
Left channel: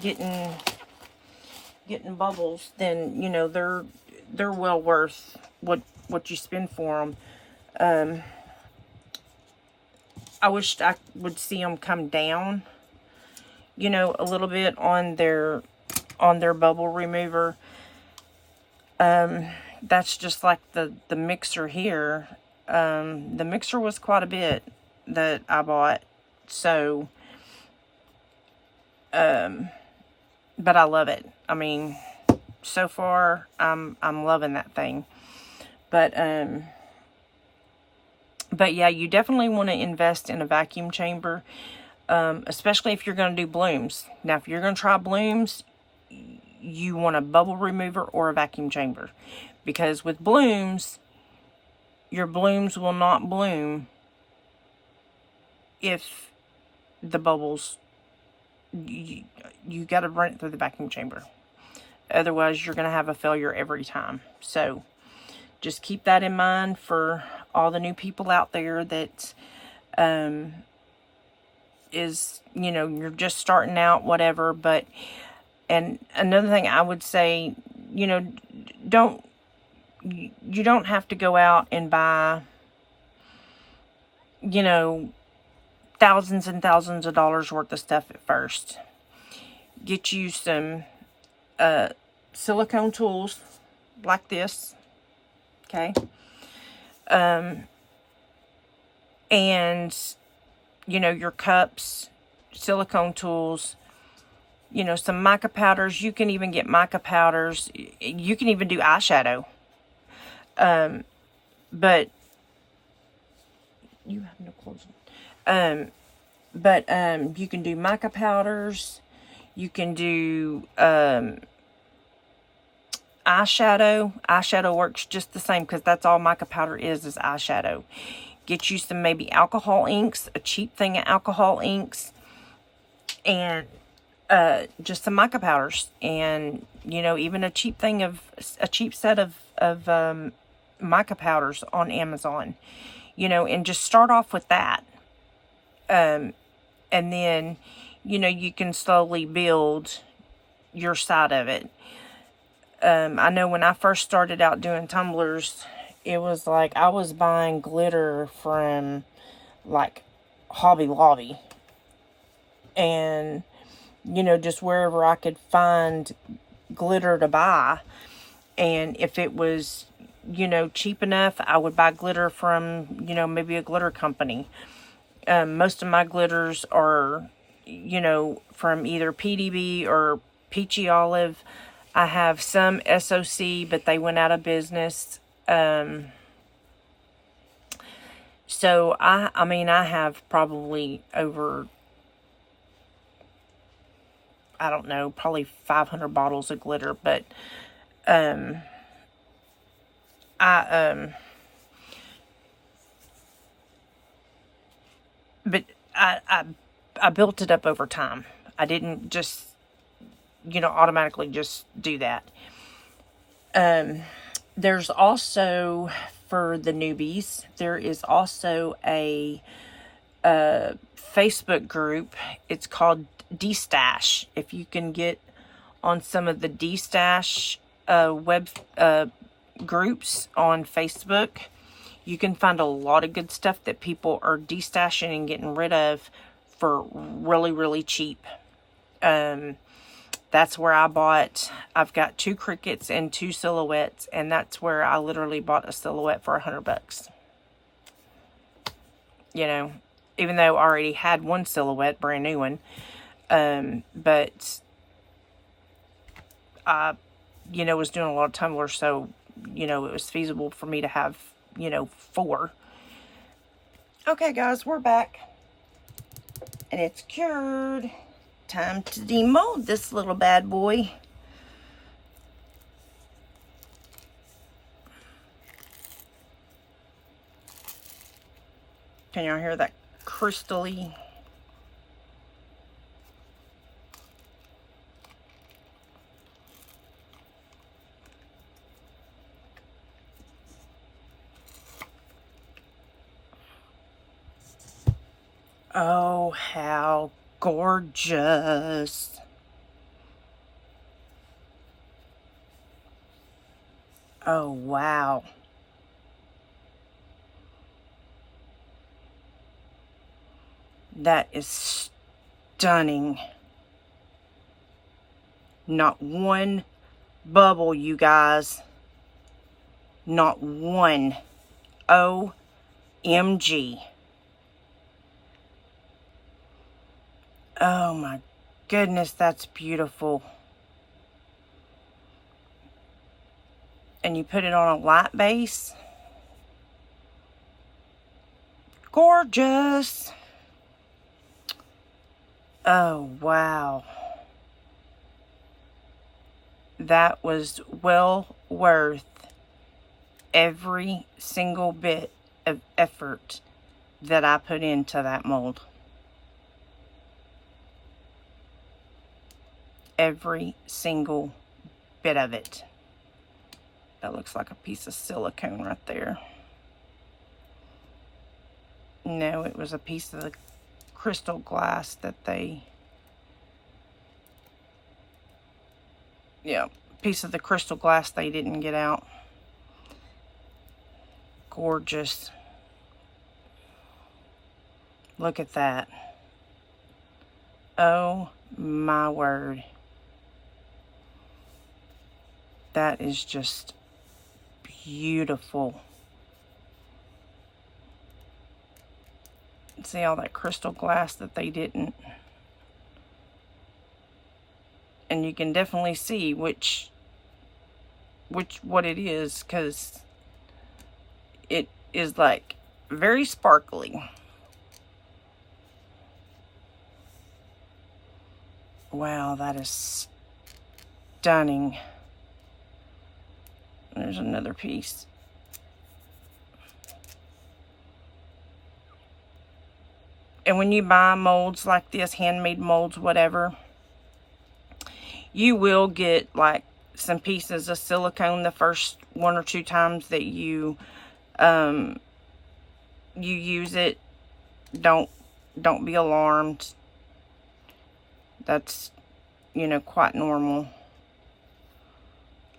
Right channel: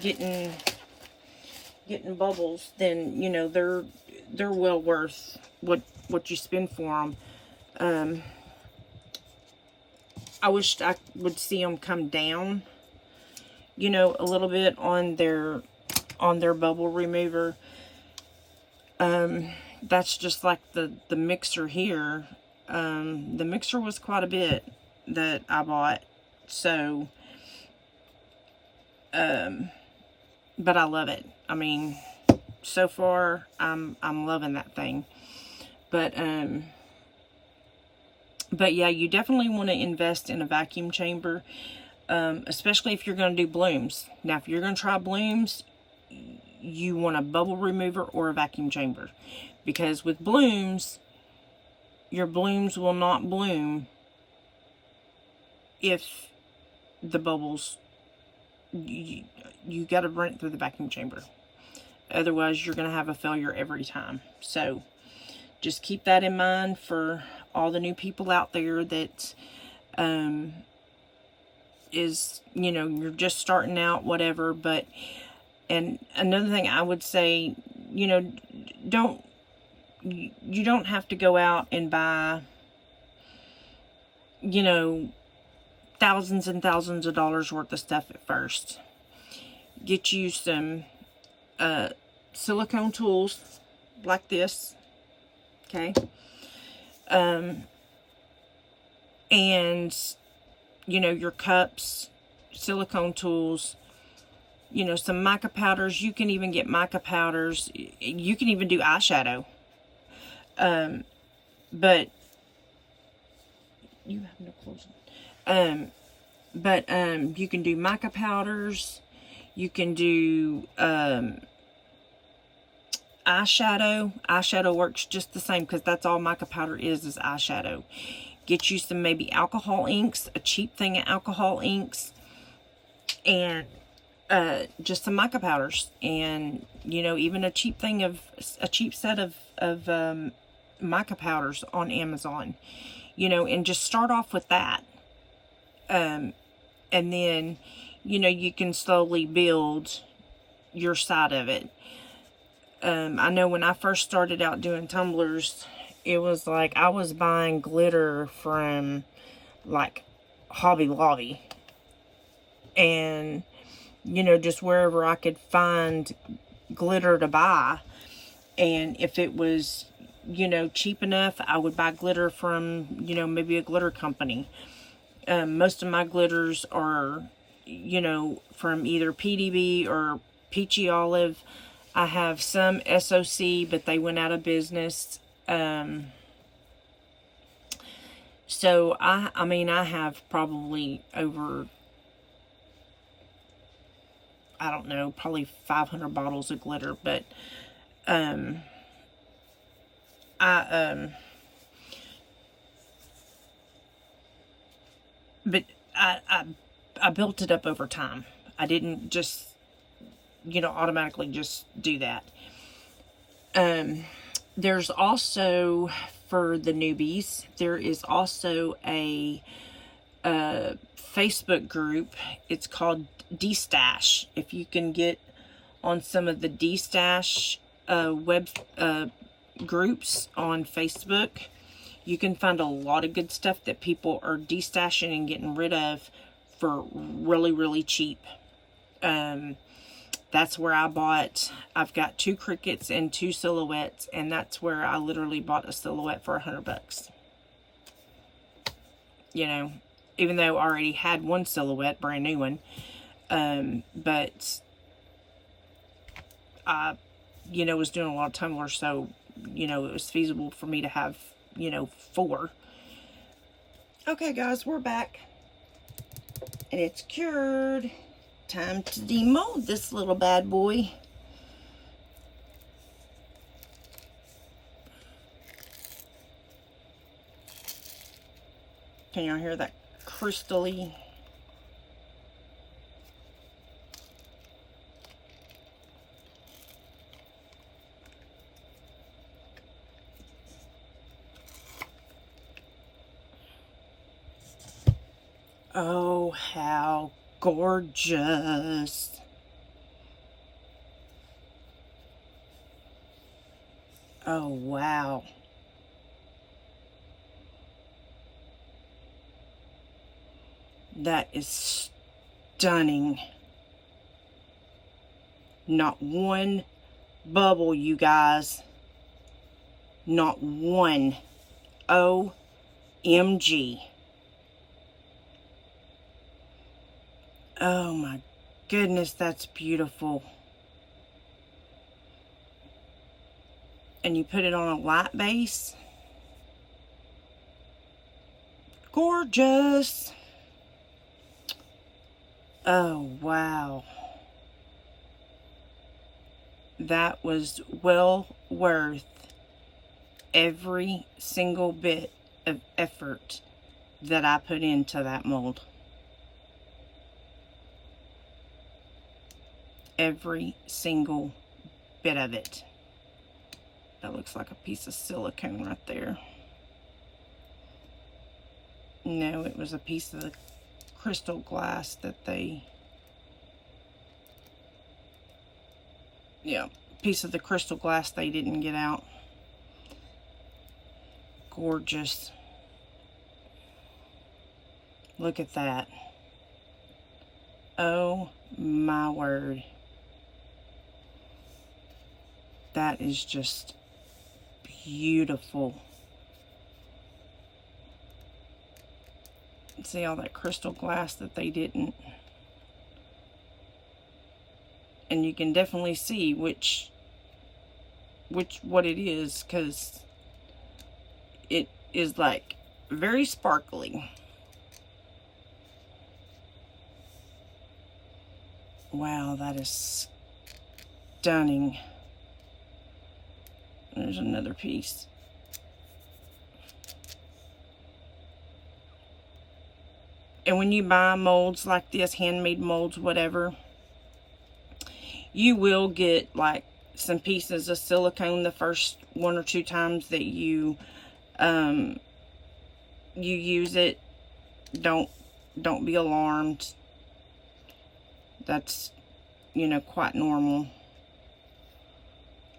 getting bubbles, then you know they're well worth what you spend for them. I wish I would see them come down, you know, a little bit on their bubble remover. That's just like the mixer here. The mixer was quite a bit that I bought, so but I love it. I mean, so far I'm loving that thing. But yeah, you definitely want to invest in a vacuum chamber, especially if you're going to do blooms. Now, if you're going to try blooms, you want a bubble remover or a vacuum chamber, because with blooms, your blooms will not bloom if the bubbles, you got to run it through the vacuum chamber. Otherwise, you're going to have a failure every time. So just keep that in mind for all the new people out there that is, you know, you're just starting out, whatever. But, and another thing I would say, you know, you don't have to go out and buy, you know, thousands and thousands of dollars worth of stuff at first. Get you some silicone tools like this, okay? And, you know, your cups, silicone tools, you know, some mica powders. You can even get mica powders. You can even do eyeshadow. But you have no clothes on. You can do mica powders. You can do eyeshadow. Eyeshadow works just the same, because that's all mica powder is eyeshadow. Get you some maybe alcohol inks, a cheap thing of alcohol inks, and just some mica powders, and you know, even a cheap set of mica powders on Amazon, you know, and just start off with that, and then, you know, you can slowly build your side of it. I know when I first started out doing tumblers, it was like I was buying glitter from like Hobby Lobby, and you know, just wherever I could find glitter to buy. And if it was, you know, cheap enough, I would buy glitter from, you know, maybe a glitter company. Most of my glitters are, you know, from either PDB or Peachy Olive. I have some SOC, but they went out of business. So I mean, I have probably over, I don't know, probably 500 bottles of glitter, but I built it up over time. I didn't just, you know, automatically just do that. There's also, for the newbies, there is also a Facebook group. It's called D-Stash. If you can get on some of the D-Stash web groups on Facebook, you can find a lot of good stuff that people are de-stashing and getting rid of for really, really cheap. That's where I've got 2 crickets and 2 silhouettes, and that's where I literally bought a silhouette for $100. You know, even though I already had 1 silhouette, brand new one. But I, you know, was doing a lot of tumblers, so, you know, it was feasible for me to have, you know, 4. Okay, guys, we're back. And it's cured. Time to demold this little bad boy. Can y'all hear that crystally? Oh, how gorgeous. Oh, wow. That is stunning. Not one bubble, you guys. Not one. OMG. Oh my goodness, that's beautiful. And you put it on a light base. Gorgeous. Oh, wow. That was well worth every single bit of effort that I put into that mold. Every single bit of it. That looks like a piece of silicone right there. No, it was a piece of the crystal glass that they... Yeah, piece of the crystal glass they didn't get out. Gorgeous. Look at that. Oh my word. That is just beautiful. See all that crystal glass that they didn't. And you can definitely see what it is, because it is like very sparkly. Wow, that is stunning. There's another piece. And when you buy molds like this, handmade molds, whatever, you will get like some pieces of silicone the first 1 or 2 times that you use it. Don't be alarmed. That's, you know, quite normal.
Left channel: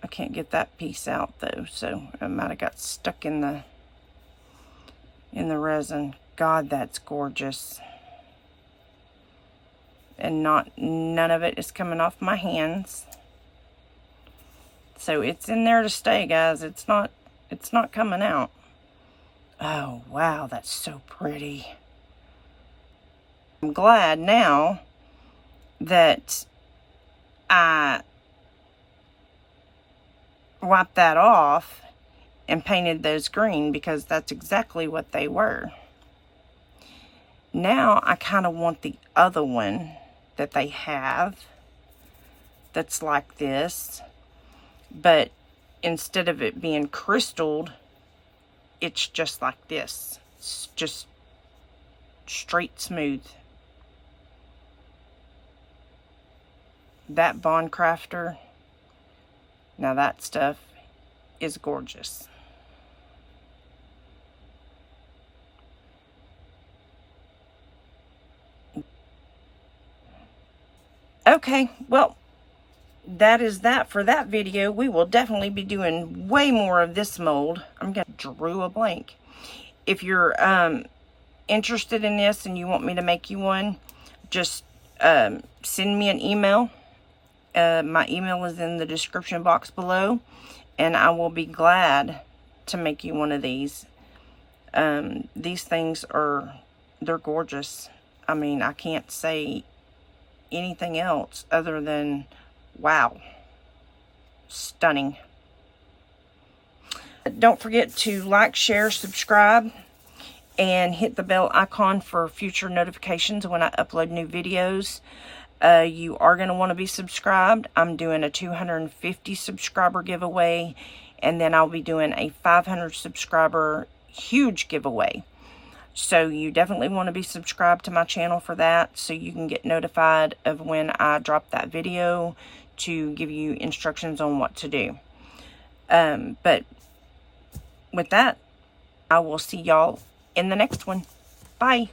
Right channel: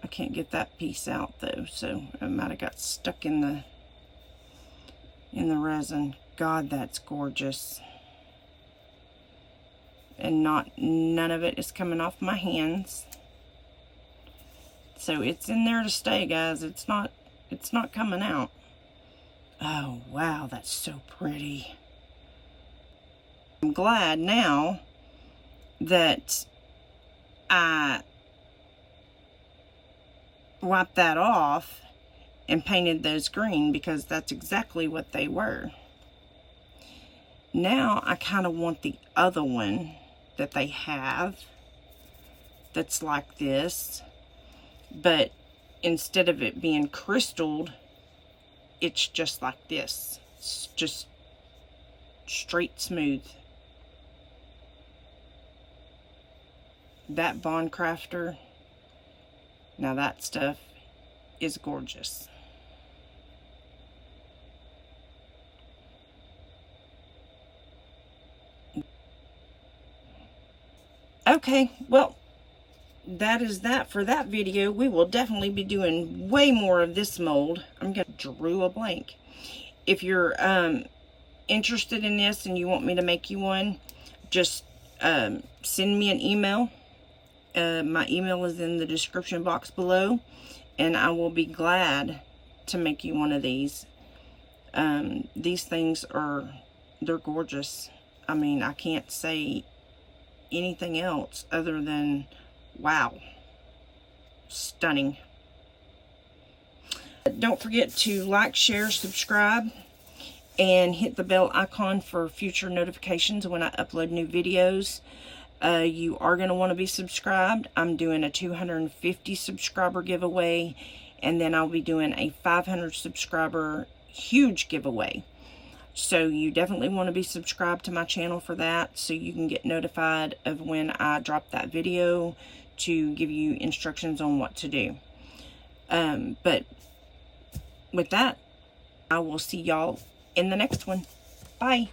I can't get that piece out though, so it might have got stuck in the resin. God, that's gorgeous. And none of it is coming off my hands. So it's in there to stay, guys. It's not coming out. Oh, wow, that's so pretty. I'm glad now that I wiped that off and painted those green, because that's exactly what they were. Now I kind of want the other one that they have that's like this, but instead of it being crystalled, it's just like this. It's just straight smooth. That Bond Crafter, now that stuff is gorgeous. Okay, well, that is that for that video. We will definitely be doing way more of this mold. I'm going to draw a blank. If you're interested in this and you want me to make you one, just send me an email. My email is in the description box below, and I will be glad to make you one of these. These things they're gorgeous. I mean, I can't say anything else other than wow, stunning. Don't forget to like, share, subscribe, and hit the bell icon for future notifications when I upload new videos. You are going to want to be subscribed. I'm doing a 250 subscriber giveaway, and then I'll be doing a 500 subscriber huge giveaway. So you definitely want to be subscribed to my channel for that, so you can get notified of when I drop that video to give you instructions on what to do. But with that, I will see y'all in the next one. Bye.